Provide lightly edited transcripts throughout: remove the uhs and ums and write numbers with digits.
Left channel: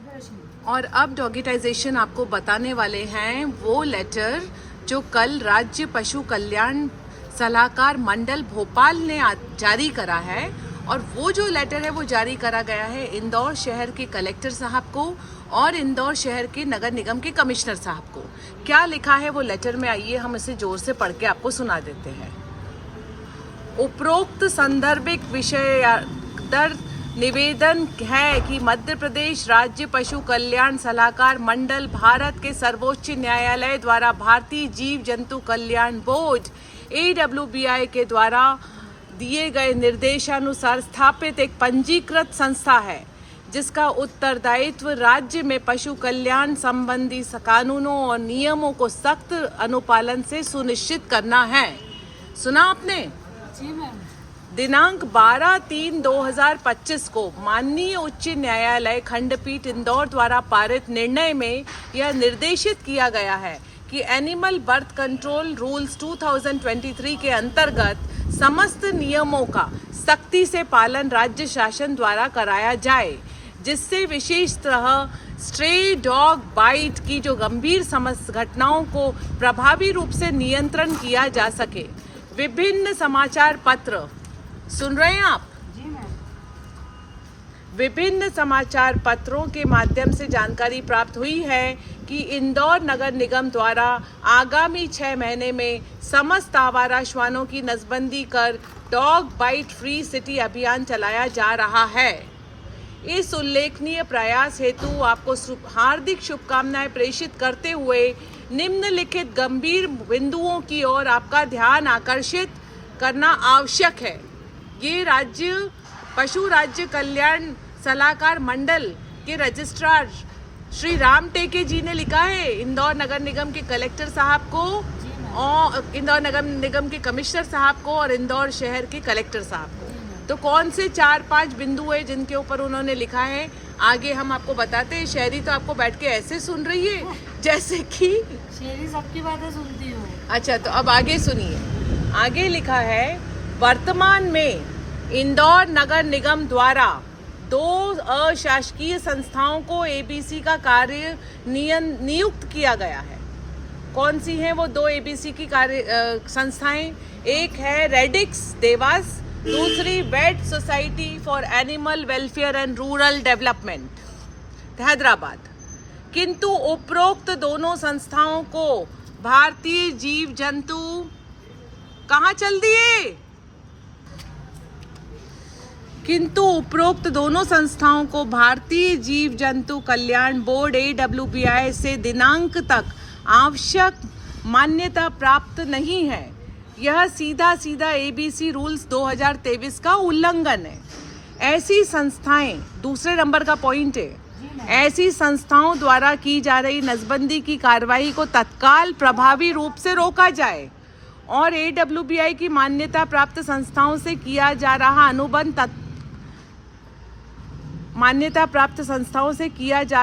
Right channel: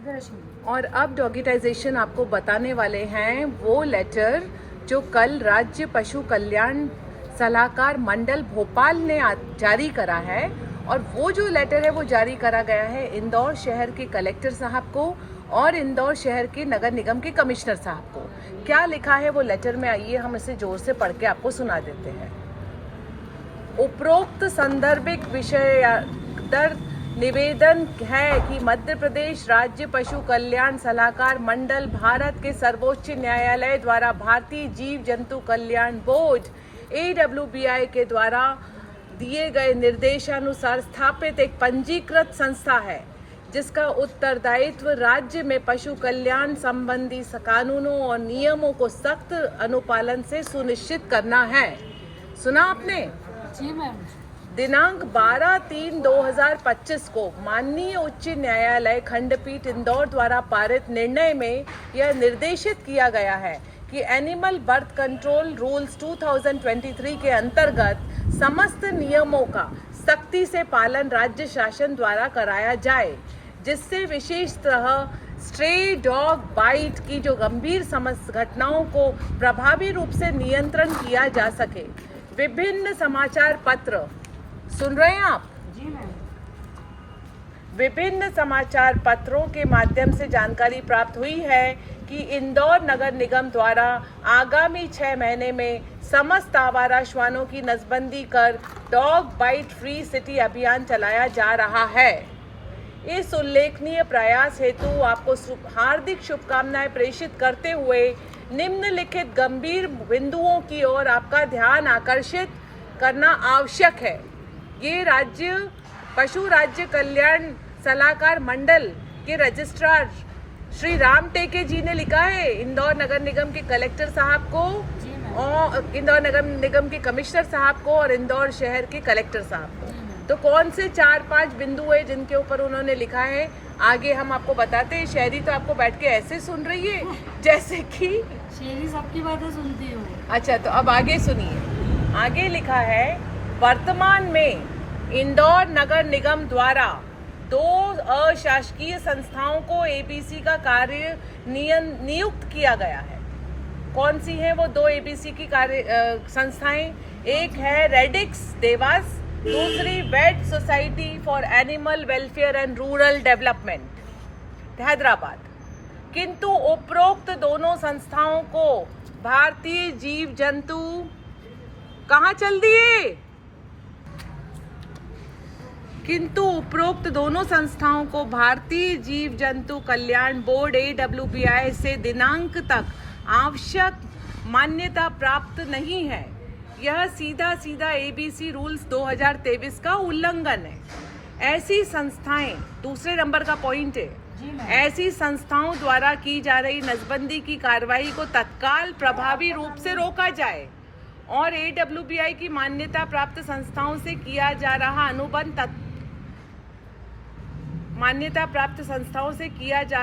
और अब डॉगिटाइजेशन आपको बताने वाले हैं वो लेटर जो कल राज्य पशु कल्याण सलाहकार मंडल भोपाल ने जारी करा है। और वो जो लेटर है वो जारी करा गया है इंदौर शहर के कलेक्टर साहब को और इंदौर शहर के नगर निगम के कमिश्नर साहब को। क्या लिखा है वो लेटर में, आइए हम इसे जोर से पढ़ के आपको सुना देते हैं। उपरोक्त संदर्भिक विषय दर निवेदन है कि मध्य प्रदेश राज्य पशु कल्याण सलाहकार मंडल भारत के सर्वोच्च न्यायालय द्वारा भारतीय जीव जंतु कल्याण बोर्ड AWBI के द्वारा दिए गए निर्देशानुसार स्थापित एक पंजीकृत संस्था है जिसका उत्तरदायित्व राज्य में पशु कल्याण संबंधी कानूनों और नियमों को सख्त अनुपालन से सुनिश्चित करना है। सुना आपने? जी मैम। दिनांक 12/3/2025 को माननीय उच्च न्यायालय खंडपीठ इंदौर द्वारा पारित निर्णय में यह निर्देशित किया गया है कि एनिमल बर्थ कंट्रोल रूल्स 2023 के अंतर्गत समस्त नियमों का सख्ती से पालन राज्य शासन द्वारा कराया जाए, जिससे विशेषतः स्ट्रे डॉग बाइट की जो गंभीर घटनाओं को प्रभावी रूप से नियंत्रण किया जा सके। विभिन्न समाचार पत्र सुन रहे हैं आप? जी मैम। विभिन्न समाचार पत्रों के माध्यम से जानकारी प्राप्त हुई है कि इंदौर नगर निगम द्वारा आगामी 6 महीने में समस्त आवारा श्वानों की नसबंदी कर डॉग बाइट फ्री सिटी अभियान चलाया जा रहा है। इस उल्लेखनीय प्रयास हेतु आपको हार्दिक शुभकामनाएं प्रेषित करते हुए निम्नलिखित गंभीर बिंदुओं की ओर आपका ध्यान आकर्षित करना आवश्यक है। ये राज्य पशु राज्य कल्याण सलाहकार मंडल के रजिस्ट्रार श्री राम टेके जी ने लिखा है इंदौर नगर निगम के कलेक्टर साहब को और इंदौर नगर निगम के कमिश्नर साहब को और इंदौर शहर के कलेक्टर साहब को। तो कौन से 4-5 बिंदु है जिनके ऊपर उन्होंने लिखा है, आगे हम आपको बताते हैं। शहरी तो आपको बैठ के ऐसे सुन रही है जैसे कि शहरी सबकी बातें सुनती हो। अच्छा, तो अब आगे सुनिए। आगे लिखा है, वर्तमान में इंदौर नगर निगम द्वारा 2 अशासकीय संस्थाओं को ABC का कार्य नियुक्त किया गया है। कौन सी हैं वो 2 ABC की कार्य संस्थाएं? एक है रेडिक्स देवास, दूसरी vet society for animal welfare and rural development Hyderabad. किंतु उपरोक्त दोनों संस्थाओं को भारतीय जीव जंतु कहाँ चल दिए? किंतु उपरोक्त दोनों संस्थाओं को भारतीय जीव जंतु कल्याण बोर्ड AWBI से दिनांक तक आवश्यक मान्यता प्राप्त नहीं है। यह सीधा ABC रूल्स 2023 का उल्लंघन है। ऐसी संस्थाएं, दूसरे नंबर का पॉइंट है, ऐसी संस्थाओं द्वारा की जा रही नसबंदी की कार्रवाई को तत्काल प्रभावी रूप से रोका जाए और AWBI की मान्यता प्राप्त संस्थाओं से किया जा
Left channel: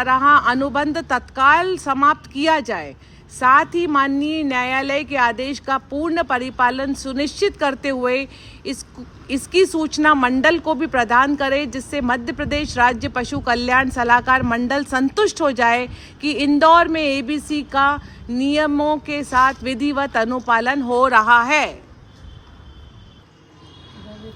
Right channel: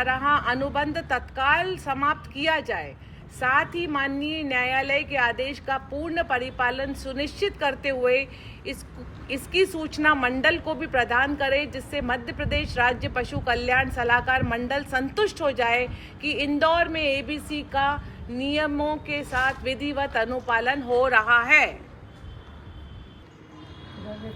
रहा अनुबंध तत्काल समाप्त किया जाए। साथ ही माननीय न्यायालय के आदेश का पूर्ण परिपालन सुनिश्चित करते हुए इसकी सूचना मंडल को भी प्रदान करें, जिससे मध्य प्रदेश राज्य पशु कल्याण सलाहकार मंडल संतुष्ट हो जाए कि इंदौर में ABC का नियमों के साथ विधिवत अनुपालन हो रहा है।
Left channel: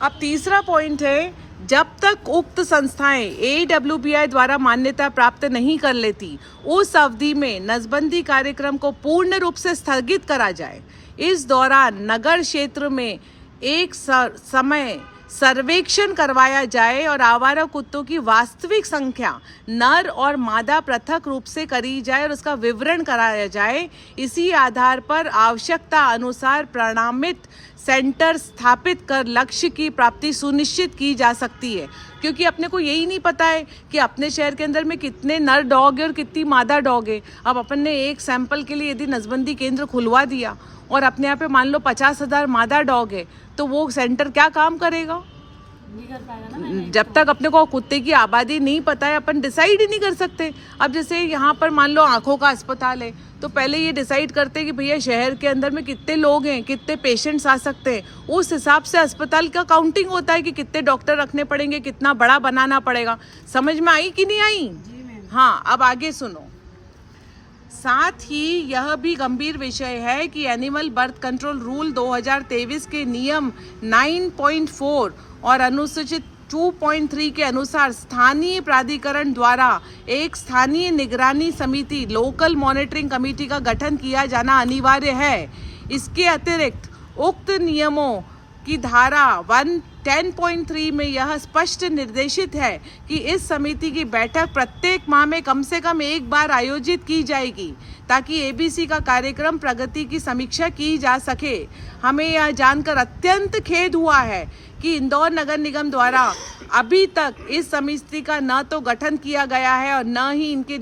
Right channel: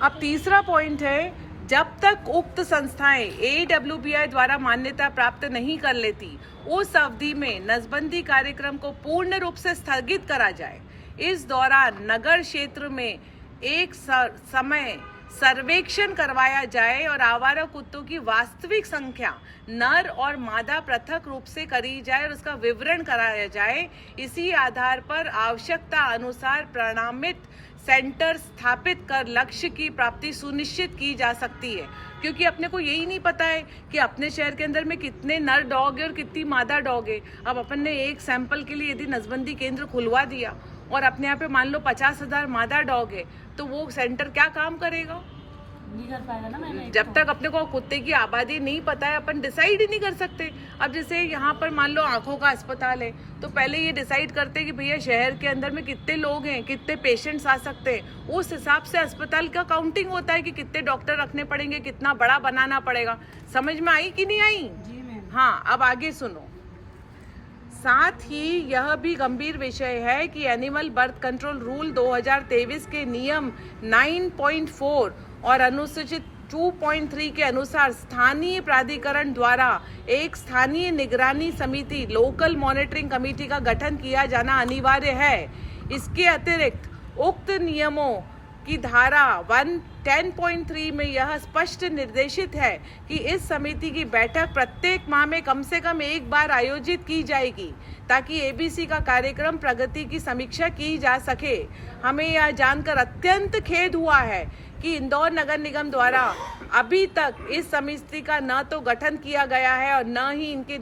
अब तीसरा पॉइंट है, जब तक उक्त संस्थाएं AWBI द्वारा मान्यता प्राप्त नहीं कर लेती, उस अवधि में नसबंदी कार्यक्रम को पूर्ण रूप से स्थगित करा जाए। इस दौरान नगर क्षेत्र में एक समय सर्वेक्षण करवाया जाए और आवारा कुत्तों की वास्तविक संख्या नर और मादा पृथक रूप से करी जाए और उसका विवरण कराया जाए। इसी आधार पर आवश्यकता अनुसार प्रमाणित सेंटर स्थापित कर लक्ष्य की प्राप्ति सुनिश्चित की जा सकती है। क्योंकि अपने को यही नहीं पता है कि अपने शहर के अंदर में कितने नर डॉग है और कितनी मादा डॉग है। अब अपन ने एक सैंपल के लिए यदि नसबंदी केंद्र खुलवा दिया और अपने यहाँ पे मान लो 50,000 मादा डॉग है, तो वो सेंटर क्या काम करेगा? नहीं कर पाएगा ना। जब तक अपने को कुत्ते की आबादी नहीं पता है, अपन डिसाइड ही नहीं कर सकते। अब जैसे यहाँ पर मान लो आंखों का अस्पताल है, तो पहले ये डिसाइड करते हैं कि भैया शहर के अंदर में कितने लोग हैं, कितने पेशेंट्स आ सकते हैं। उस हिसाब से अस्पताल का काउंटिंग होता है कि कितने डॉक्टर रखने पड़ेंगे, कितना बड़ा बनाना पड़ेगा। समझ में आई कि नहीं आई? हाँ, अब आगे सुनो। साथ ही यह भी गंभीर विषय है कि एनिमल बर्थ कंट्रोल रूल 2023 के नियम 9.4 और अनुसूचित 2.3 के अनुसार स्थानीय प्राधिकरण द्वारा एक स्थानीय निगरानी समिति लोकल मॉनिटरिंग कमेटी का गठन किया जाना अनिवार्य है। इसके अतिरिक्त उक्त नियमों की धारा 10.3 में यह स्पष्ट निर्देशित है कि इस समिति की बैठक प्रत्येक माह में कम से कम एक बार आयोजित की जाएगी ताकि एबीसी का कार्यक्रम प्रगति की समीक्षा की जा सके। हमें यह जानकर अत्यंत खेद हुआ है कि इंदौर नगर निगम द्वारा अभी तक इस समिति का न तो गठन किया गया है और न ही इनके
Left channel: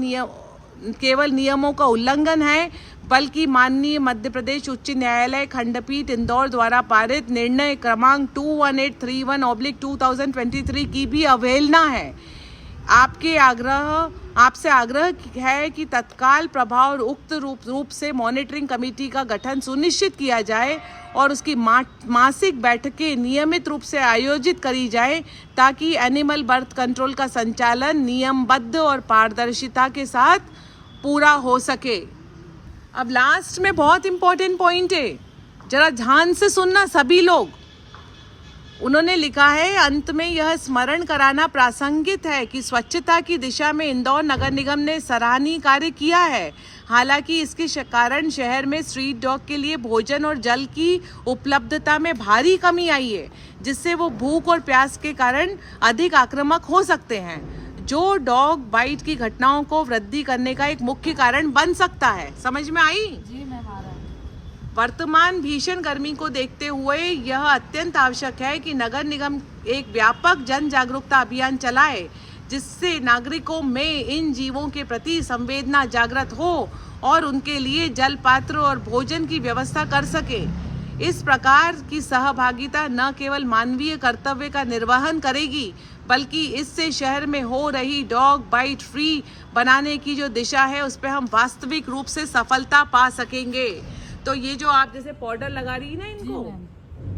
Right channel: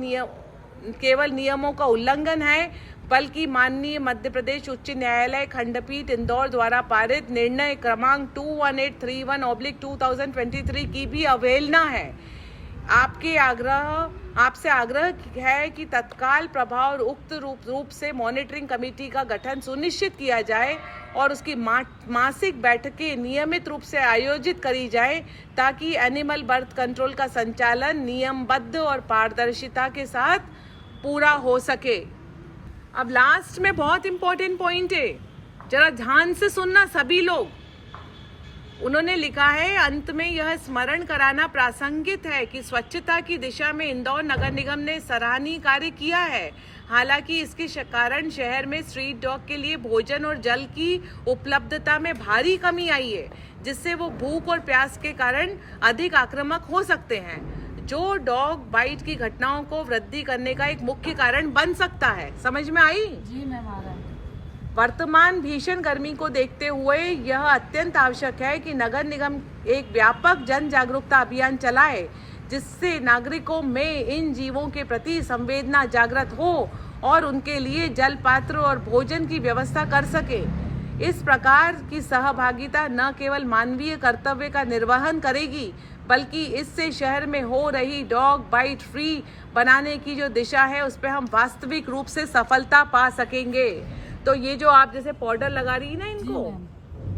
केवल नियमों का उल्लंघन है, बल्कि माननीय मध्य प्रदेश उच्च न्यायालय खंडपीठ इंदौर द्वारा पारित निर्णय क्रमांक 21831/2023 की भी अवहेलना है। आपसे आग्रह है कि तत्काल प्रभाव और उक्त रूप से मॉनिटरिंग कमेटी का गठन सुनिश्चित किया जाए और उसकी मासिक बैठकें नियमित रूप से आयोजित करी जाए ताकि एनिमल बर्थ कंट्रोल का संचालन नियमबद्ध और पारदर्शिता के साथ पूरा हो सके। अब लास्ट में बहुत इंपॉर्टेंट पॉइंट है, जरा ध्यान से सुनना सभी लोग। उन्होंने लिखा है, अंत में यह स्मरण कराना प्रासंगिक है कि स्वच्छता की दिशा में इंदौर नगर निगम ने सराहनीय कार्य किया है। हालांकि इसके कारण शहर में स्ट्रीट डॉग के लिए भोजन और जल की उपलब्धता में भारी कमी आई है, जिससे वो भूख और प्यास के कारण अधिक आक्रामक हो सकते हैं, जो डॉग बाइट की घटनाओं को वृद्धि करने का एक मुख्य कारण बन सकता है। समझ में आई? जी मैम, आ रहा है। वर्तमान भीषण गर्मी को देखते हुए यह अत्यंत आवश्यक है कि नगर निगम एक व्यापक जन जागरूकता अभियान चलाए, जिससे नागरिकों में इन जीवों के प्रति संवेदना जागृत हो और उनके लिए जल पात्र और भोजन की व्यवस्था कर सके। इस प्रकार की सहभागिता न केवल मानवीय कर्तव्य का निर्वहन करेगी, बल्कि इससे शहर में हो रही डॉग बाइट फ्री बनाने की जो दिशा है उस पर हम वास्तविक रूप से सफलता पा सकेंगे। तो ये जो आप जैसे पाउडर लगा रही है ना इनको,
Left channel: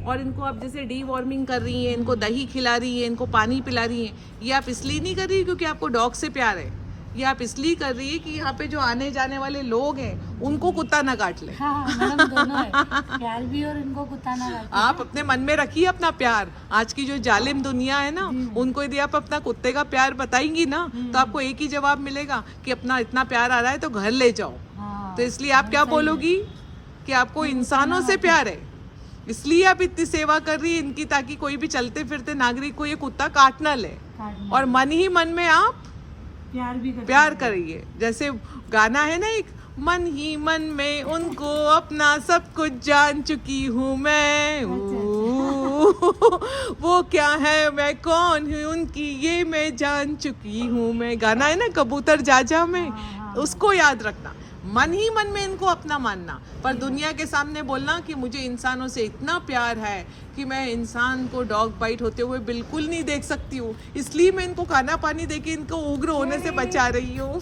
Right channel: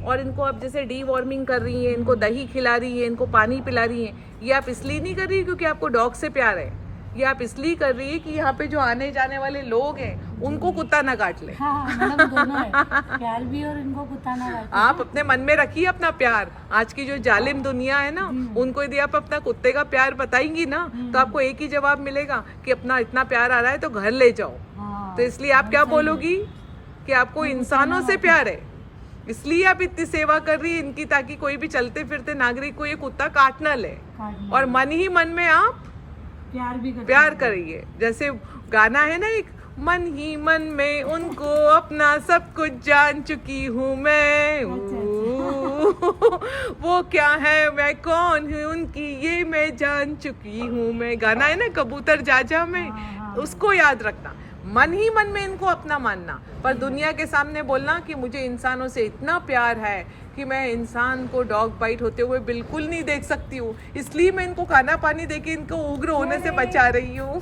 और इनको आप जैसे डी वॉर्मिंग कर रही हैं, इनको दही खिला रही हैं, इनको पानी पिला रही हैं, ये आप इसलिए नहीं कर रही क्योंकि आपको डॉग से प्यार है, ये आप इसलिए कर रही है कि यहाँ पे जो आने जाने वाले लोग हैं उनको कुत्ता ना काट ले। हाँ, मैडम दोनों है, प्यार भी और इनको कुत्ता ना काटे। आप अपने मन में रखिए अपना प्यार। आज की जो जालिम दुनिया है ना, उनको यदि आप अपना कुत्ते का प्यार बताएंगी ना तो आपको एक ही जवाब मिलेगा कि अपना इतना प्यार आ रहा है तो घर ले जाओ। हाँ, तो इसलिए आप क्या बोलोगी कि आपको इंसानों से प्यार है, इसलिए आप इतनी सेवा कर रही है इनकी, ताकि कोई भी चलते फिरते नागरिक को ये कुत्ता काट ना ले, और मन ही मन में आप प्यार करिए। जैसे गाना है ना एक, मन ही मन में उनको अपना सब कुछ जान चुकी हूँ मैं, वो क्या है मैं कौन हूँ उनकी ये मैं जान चुकी हूँ मैं। गाना है ना कबूतर जाजा में, उसको याद रखना। मन ही मन में इनको अपना मानना, पर दुनिया के सामने बोलना कि मुझे इंसानों से इतना प्यार है कि मैं इंसान को डॉग बाइट होते हुए बिल्कुल नहीं देख सकती हूँ, इसलिए मैं इनको खाना पानी देके इनको उग्र होने से बचा रही हूँ।